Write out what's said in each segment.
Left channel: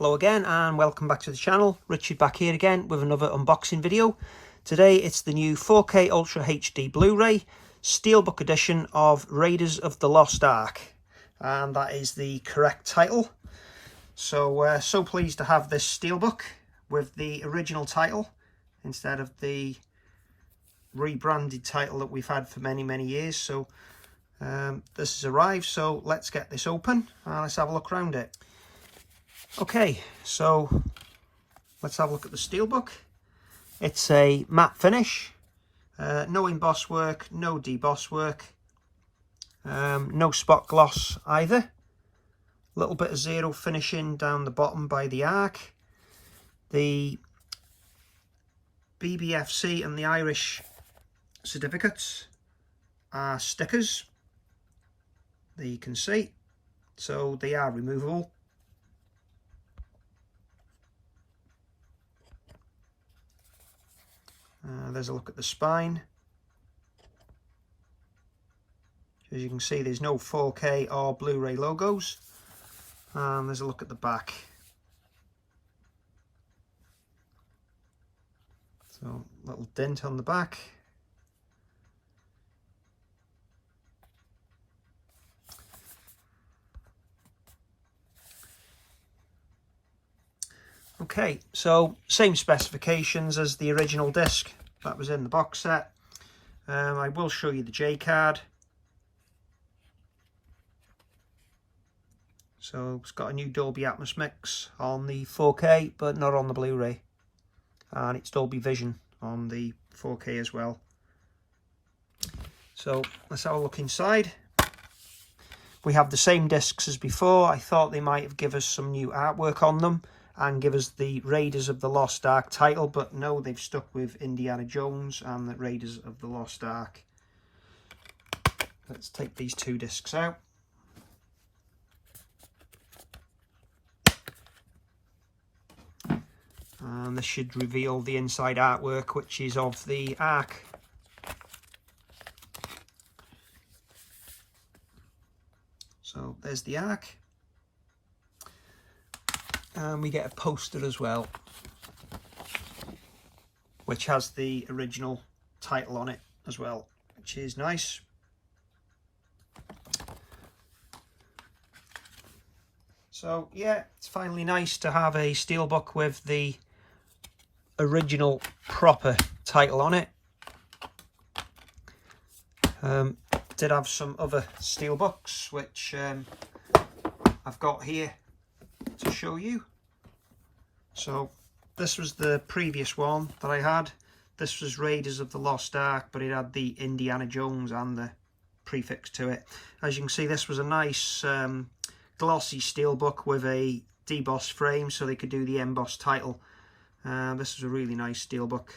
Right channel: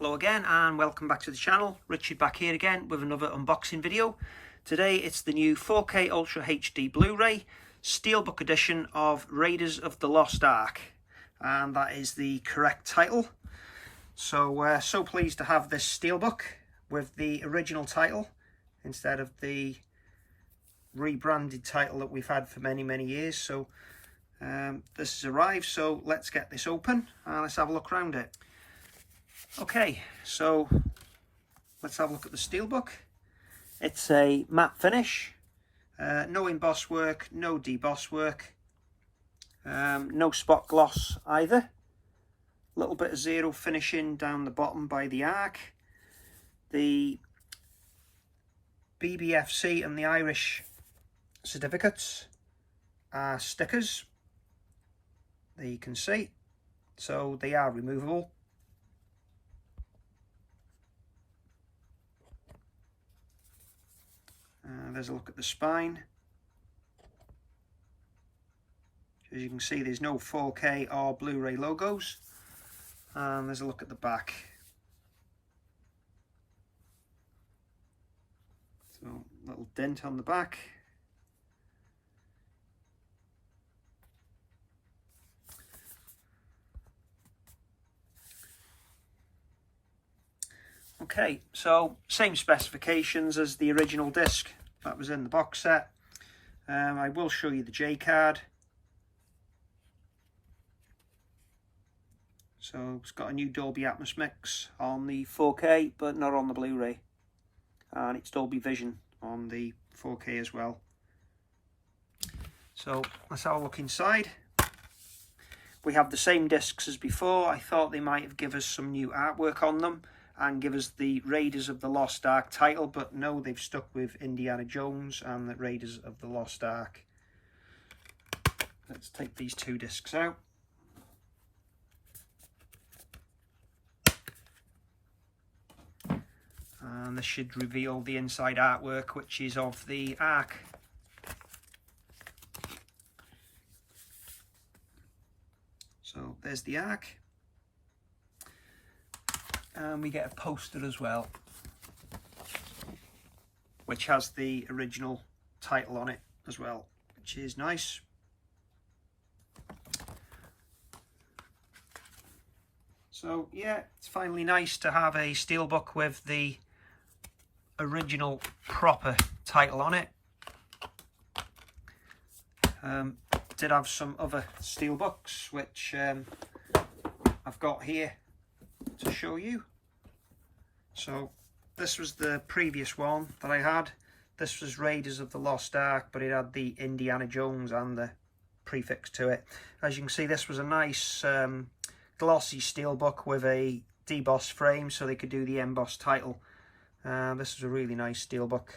Hello again and welcome back to the channel. Richard back here again with another unboxing video. Today it's the new 4K Ultra HD Blu-ray Steelbook edition of Raiders of the Lost Ark, and that is the correct title. So so pleased to have this Steelbook with the original title instead of the rebranded title that we've had for many years. So this has arrived, so let's get this open and let's have a look around it. Okay, so let's have a look at the Steelbook. It's a matte finish, no emboss work, no deboss work, no spot gloss either. A little bit of zero finishing down the bottom by the Ark. The BBFC and the Irish certificates are stickers, there you can see, so they are removable. There's a look at the spine. As you can see, there's no 4K or Blu-ray logos. And there's a look at the back. So, little dent on the back. Okay, so same specifications as the original disc that was in the box set. I will show you the J card. So it's got a new Dolby Atmos mix on the 4K, but not on the Blu-ray, and it's Dolby Vision on the 4K as well. So let's have a look inside. We have the same discs as before. I thought they might have given us some new artwork on them and give us the Raiders of the Lost Ark title, but no, they've stuck with Indiana Jones and the Raiders of the Lost Ark. Let's take these two discs out. And this should reveal the inside artwork, which is of the Ark. So there's the Ark. And we get a poster as well, which has the original title on it as well, which is nice. So yeah, it's finally nice to have a Steelbook with the original proper title on it. Did have some other Steelbooks which I've got here to show you. So this was the previous one that I had. This was Raiders of the Lost Ark, but it had the Indiana Jones and the prefix to it. As you can see, this was a nice glossy Steelbook with a deboss frame, so they could do the emboss title. This was a really nice Steelbook.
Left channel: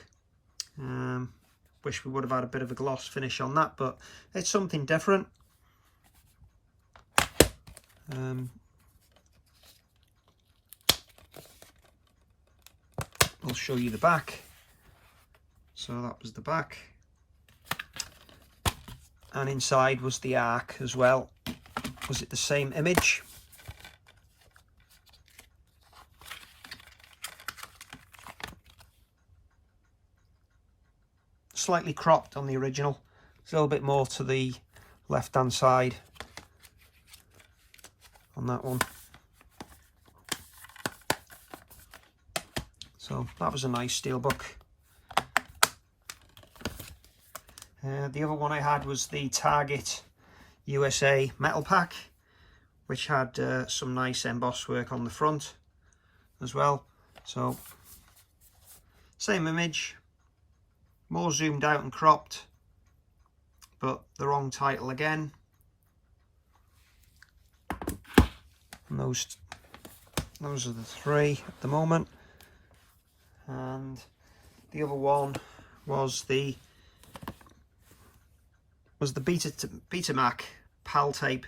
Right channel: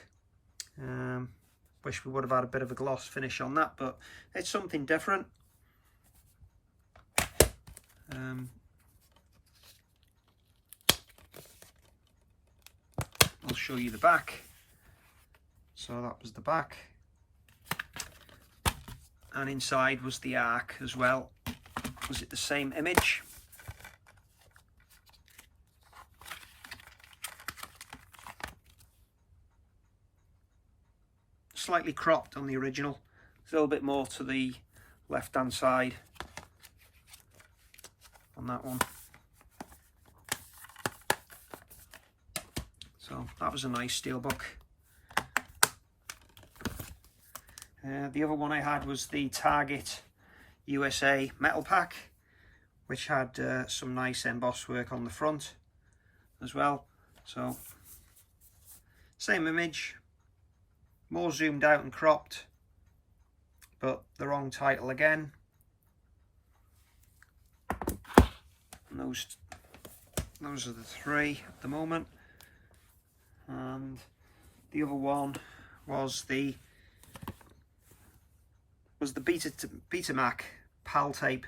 Wish we would have had a bit of a gloss finish on that, but it's something different. I'll show you the back. So that was the back, and inside was the Ark as well. Was it the same image? Slightly cropped on the original. It's a little bit more to the left hand side on that one. So that was a nice Steelbook. The other one I had was the Target USA metal pack, which had some nice emboss work on the front as well. So same image, more zoomed out and cropped, but the wrong title again. And those are the three at the moment. And the other one was the Betamax PAL tape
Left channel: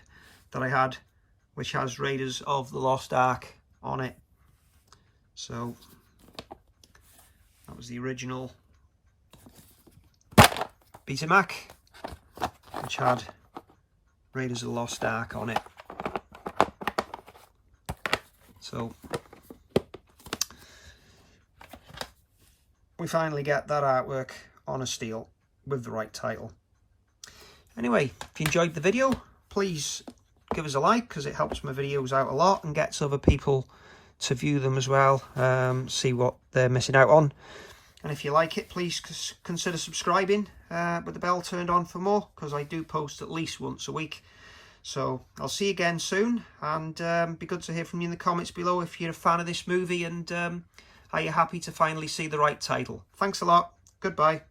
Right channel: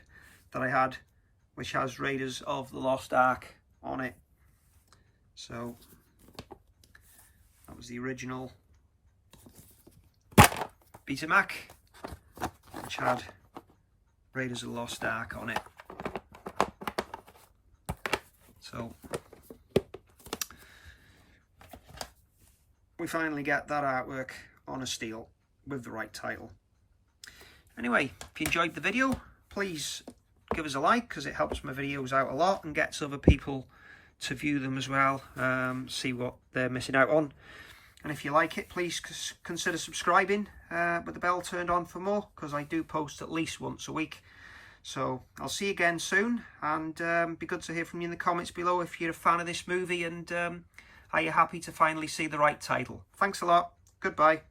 that I had, which has Raiders of the Lost Ark on it. So that was the original Betamax, which had Raiders of the Lost Ark on it. So we finally get that artwork on a steel with the right title. Anyway, if you enjoyed the video, please give us a like, because it helps my videos out a lot and gets other people to view them as well, see what they're missing out on. And if you like it, please consider subscribing with the bell turned on for more, because I do post at least once a week. So I'll see you again soon, and be good to hear from you in the comments below if you're a fan of this movie, and are you happy to finally see the right title. Thanks a lot. Goodbye.